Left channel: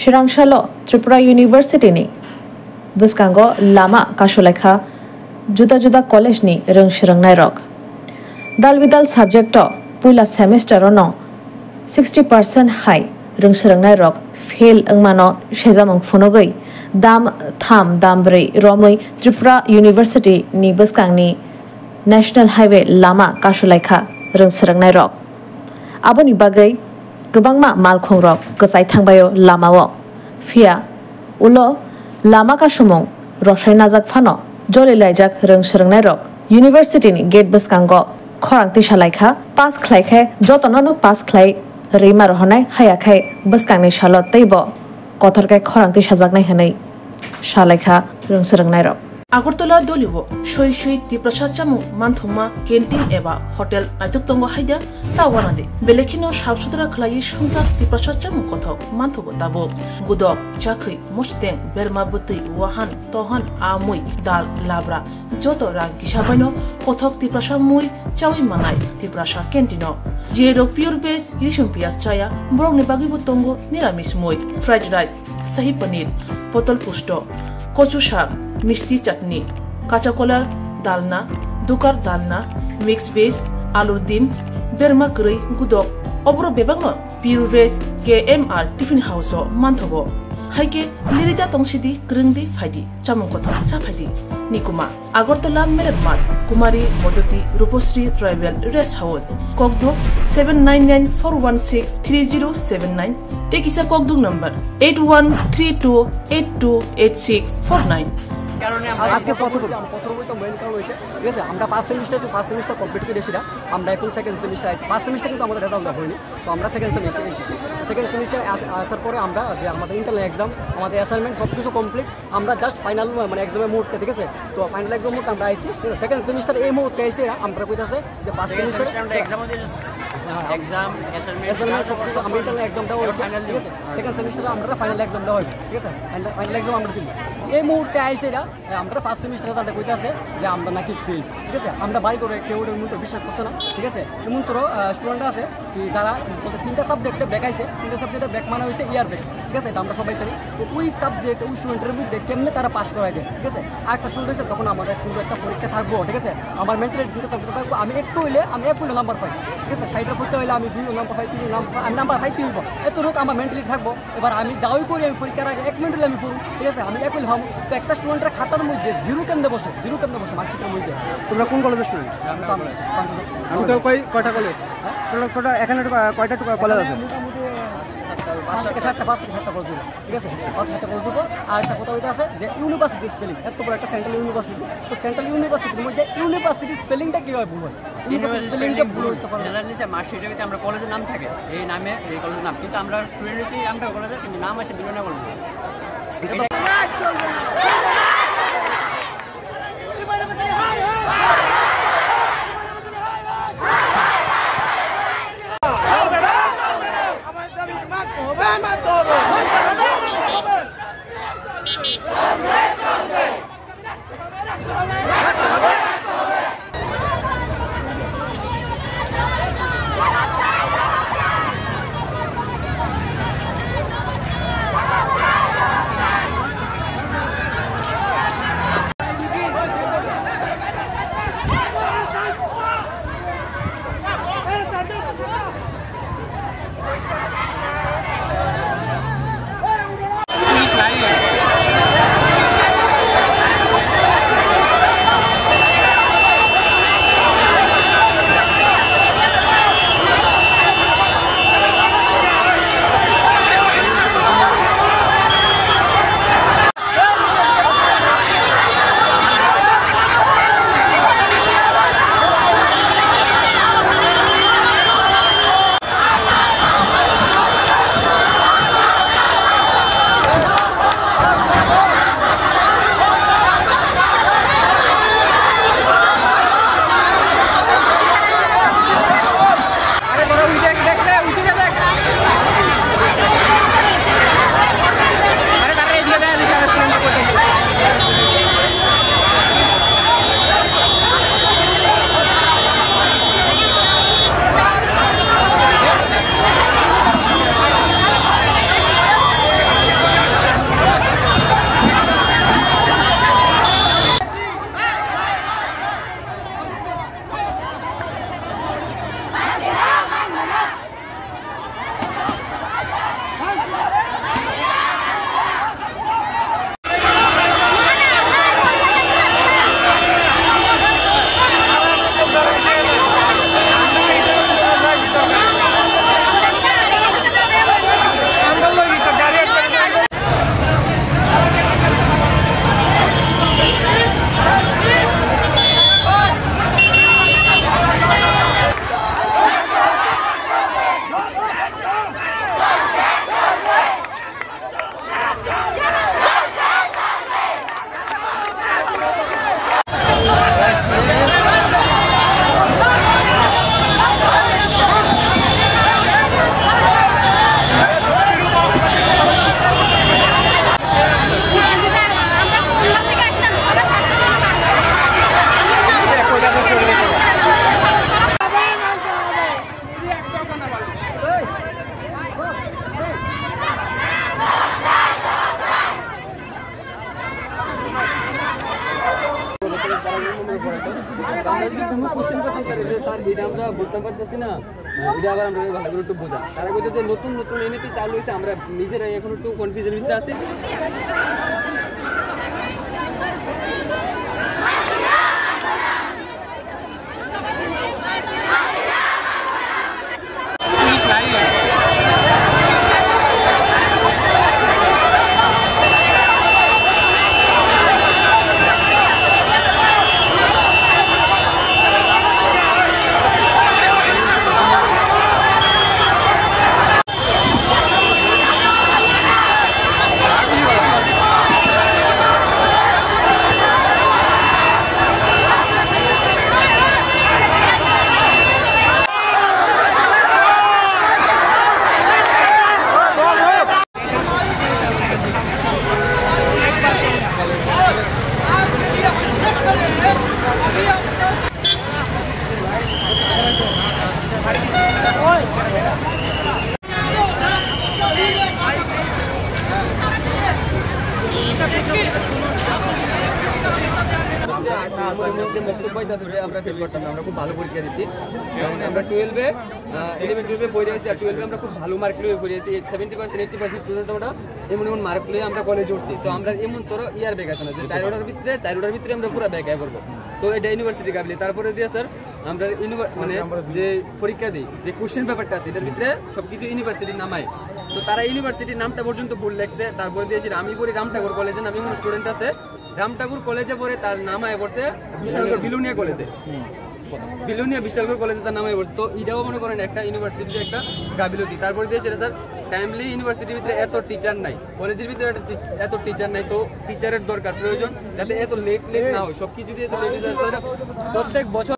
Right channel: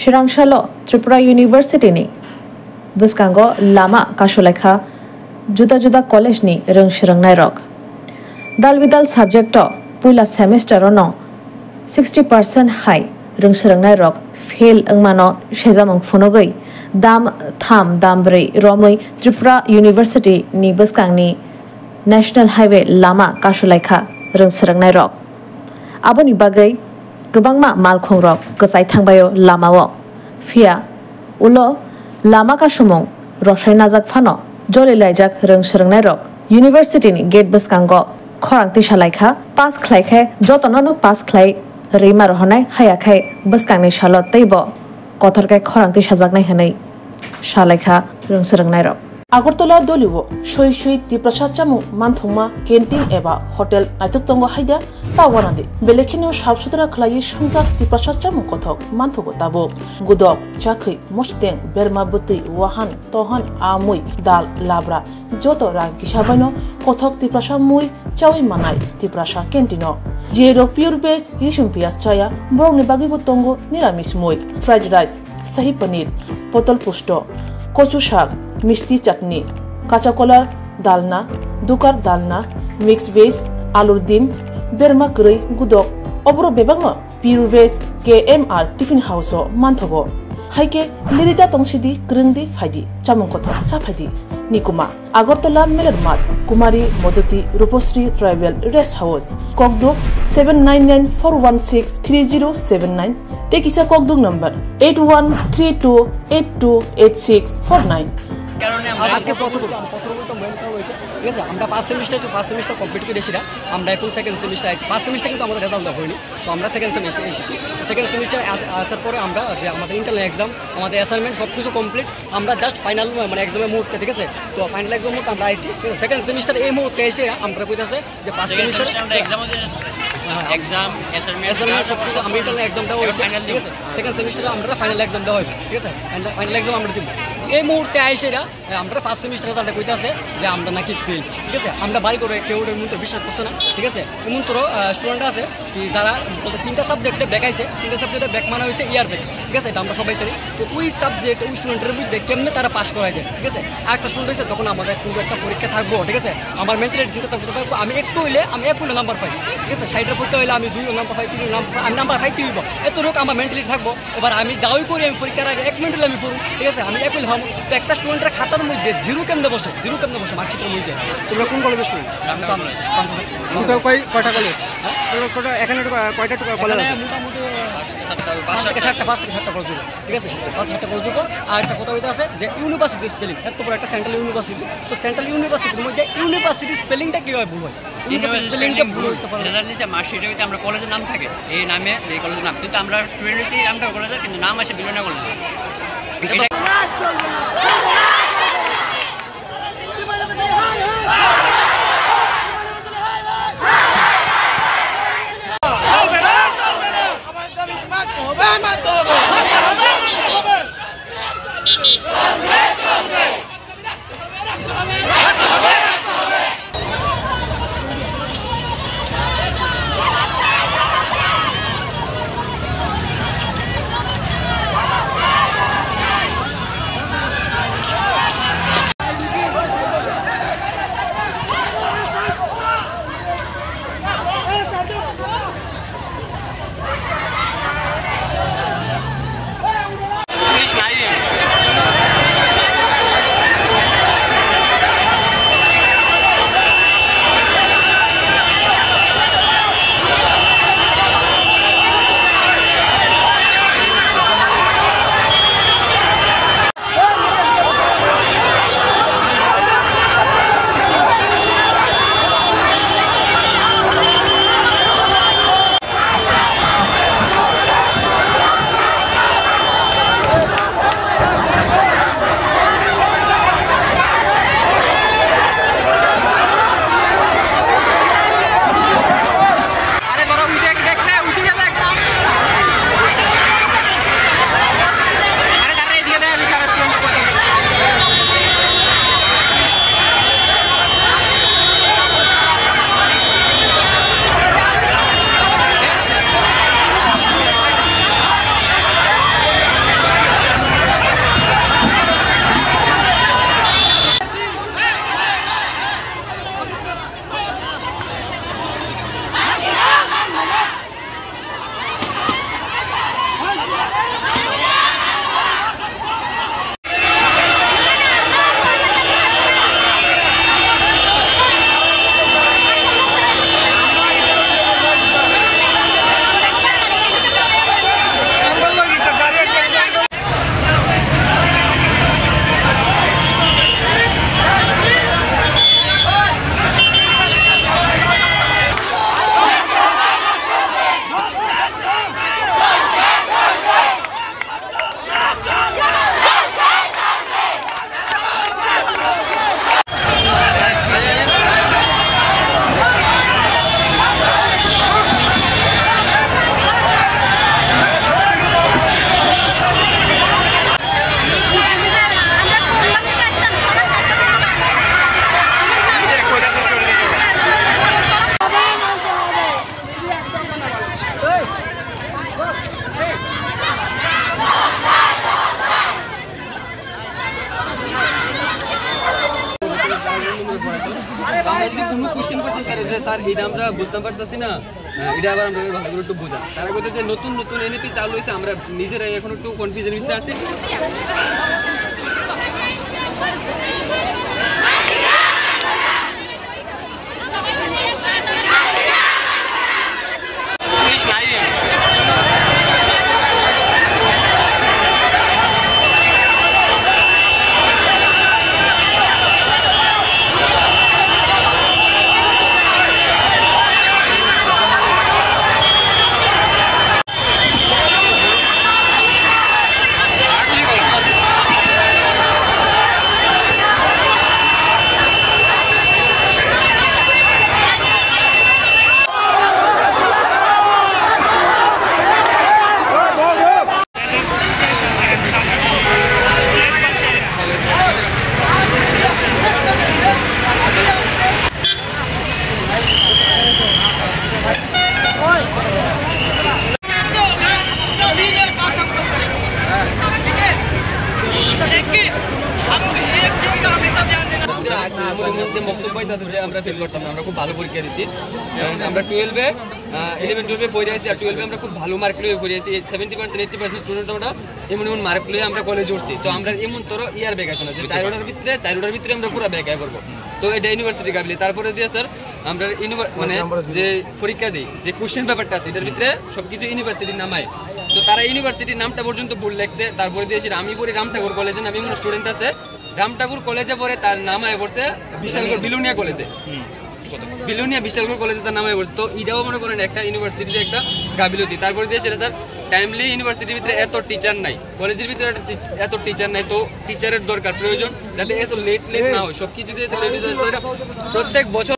Shirangshalo Tripura University ni Buskango lama kasulekha juda college ni rung shirangnai rok dalbidal subject puila semester no 60% high rung shirangnai rok fail angmano shejamang phunogoi dam brei romoi Tripura University ni buskangni National Highway lama kasulekha rung shirangnai rok aboni bagai gobangma malkhong rok gachai thangbayo lamao fia ulo lama kasumong rosai najak phano joli laijak rung shirangnai rok University ni gate buskango khorangti salaikha pass khlaikhe jotono pass khlai reima rohonai hayakhai buskangni salo teibo kothorkai khorangti sajaknai hanai salaikha rung shirangnai rok Agartala doliwo shoi tiprasad chamu manthungma canteen eba hotel naituk tongo haida tawanade belekhino sabsutra khlai sungtak tiprasad chamu kothok manthogo tabo gudok chakhi mosteng berma buti wahan tohan amui dal labra joto rang kisabaino kothok tiprasad mui chawi manai tiprasad canteeno jero pure base yishum pias chaya borongni bagibo tongo niramis mui fried rice sahi paneer potol pusto kochu shak মিষ্টি চাটনি কাঁচা কলার ডালনা দুকার ডালনা mix veg আলুর ডিম বেরমা গরৈ গুদক অবর বেবাং pure veg KMR tiffin house মানথগো হাইকে লিরিতা তংসিদি গ্রিংদি ফাইদি চামং কথা চা ফাইদি নিকুমা আগরতলা মেরের মাঠ কুমারী মদতি রূপশ্রী ট্রাইবেল রেস্ট হাউস ককদুক 7994163079 টেকিসা ককদুক নাম্বার 8132828649 আজকে প্রথমত মেইন কারণ হয়েছে ঠিক আছে আমরা ফার্স্ট সেমিস্টার কমপ্লিট করে এসেছিলাম আমরা এখন সেকেন্ড সেমিস্টার ফার্স্ট সেমিস্টার কিন্তু আমাদের রেজাল্ট দেওয়া হয়নি তো আমরা সেকেন্ড সেমিস্টার এসেছি সেকেন্ড সেমিস্টার আসার পরে আমরা যে আমাদের ইন্টারনাল এক্সাম আমাদের অ্যাসাইনমেন্ট সব কিছু কমপ্লিট আমরা জাস্ট ফাইনাল মানে এক্সামের মুহূর্তে ঠিক আছে তো ফাইনাল এক্সাম মুহূর্তে আমরা আইছি ঠিক আছে সেকেন্ড সেমিস্টার এই মুহূর্তে এসে আমরা কইতাছে যে ফার্স্ট সেমিস্টার এক্সাম অ্যাসাইনমেন্ট সব কিছু আমরা ইন্টারনাল এক্সাম দেওয়া হয়েছে ফাইনাল ঠিক আছে সেকেন্ড সেমিস্টারে আমরা ফাইনাল এক্সাম দেওয়া হবে ঠিক আছে ফাইনাল এক্সাম আমরা দিব এই মুহূর্তে আইসে আমরা ফার্স্ট সেমিস্টার রেজাল্টে কইতাছে যে আমরা নাকি ফেল ঠিক আছে আমরা বাড়ি করে কেউ এমন তো বিশ্বাস করছে না ঠিক আছে এমন তো স্টুডেন্ট আছে কি যারা বলতে তিনটা সাবজেক্টে ব্যাক আইছে তিনটা সাবজেক্টে ব্যাক মানে হয়েছে ইয়ার ব্যাক ঠিক আছে এটা আমরা সবাই জানি তো ওই সাবজেক্ট ওই স্টুডেন্টের মধ্যে কেমনে তারা পাস করাই যায় ঠিক আছে আর একটা স্টুডেন্ট হয়েছে তখন আমাদের কোনো একটা পরীক্ষা থাকবো ঠিক আছে আমার মেন্টালিটি চিন্তা থাকতে পারবো আমি একটু হইলে আমি 1 নাম্বার পাই ঠিক আছে 60 পরীক্ষা হইলে আমি 2 নাম্বার পাই 3 নাম্বার আমি নাম্বার পাইতে হইব এত লোক আমার মেন্টালিটি থাকবো এবার আমি যাওই করি আমি পরীক্ষার আগে 1 মিনিট হলে আমি পড়ব ঠিক আছে আমি 1 হইলে তো একটা স্টুডেন্টের খাতার মধ্যে জিরো কেমনে বসে মার্কশিটের মধ্যে তোমরা কোন কলেজে স্টুডেন্ট টোটাল কয়টা কলেজ হ্যাঁ টোটাল এখানে কয়টা কলেজ আছে মোটামুটি 5 থেকে 7টা কলেজ ঠিক আছে 5-7টা কলেজ দিব আর একটা কথা হইতা আছে যে ইউনিভার্সিটি স্পেলিং এত বড় একটা সেন্ট্রাল ইউনিভার্সিটি তো সেন্ট্রাল ইউনিভার্সিটির মধ্যে ইউনিভার্সিটি স্পেলিংটা কিভাবে ভুল হয় ইউনিভার্সিটি স্পেলিংটা ভুল হইতে পারে রেজাল্ট নিচে মার্কশিটের ভিতরে আমরা কলেজের নাম থাকে এই নামে এই কলেজের নাম কিন্তু আমরা স্টুডেন্ট হিসেবে নামটা কলেজের কিন্তু নাম আসে বিভিন্ন কলেজ তো আমরা যদি কোনো কোশ্চেন করতাম স্যার যে স্যার এটা আমরা বুঝতাম পারতেছি না, এটা আবার আমরা ভালো করে একটু বোঝা, তারা বলতে যে নতুন নতুন এনএপি চালু হয়েছে, আমরা নিজেরাই এখন একটু কনফিউজের ভিতরে আছি। আমরা ফেল করতাম না, আমরা খুব ভালো পরীক্ষা দিচ্ছি। আমরা 11-12 পড়ে আছি, আর 12 আমরা খুব ভালো মার্ক লিয়ে পড়ে আছি। 70% স্টুডেন্ট আমরা এমন মার্ক লিয়ে আমরা কলেজে উঠছি। তো আমরা এমন তোর ইয়ার ব্যাক আছে না যে 4টার ভিতরে আমরা পুরো ব্যাক করবো। তো এটা ইউনিভার্সিটি কাবিলে। তারপরে দিয়ে স্যার আমরা মানে যে পরীক্ষা দিই, যে কোশ্চেন পেপারটা আছে এটার ভিতরে সবকিছু ইউনিভার্সিটির নামায়। তো তারা ইউনিভার্সিটির নামটা পর্যন্ত ভুল লেখছে। তারপরে দিয়েছি আমি পড়ি রামঠাকুর কলেজে, আমি কোনো স্টুডেন্ট আছে রামঠাকুর কলেজে পড়ে, তার নাম আয় পড়ছে বিশালগড় বিলুনিয়া কলেজে, বিলুনিয়া বিশালগড় কলেজে তার নাম আয় পড়ছে। তো এটাও মনে করেন একটা ইউনিভার্সিটির একটা গাফিলতি। তারপরে দিয়েছে স্যার টাইমলি ইউনিভার্সিটির ভিতরে এত টিচার নাই, কলেজের ভিতরে এত টিচার নাই। তো টিচারের দরকার প্রয়োজন, যাতে এত লেট না হয়, সবকিছু যদি এত লেট হয়ে যায় প্রত্যেক বছর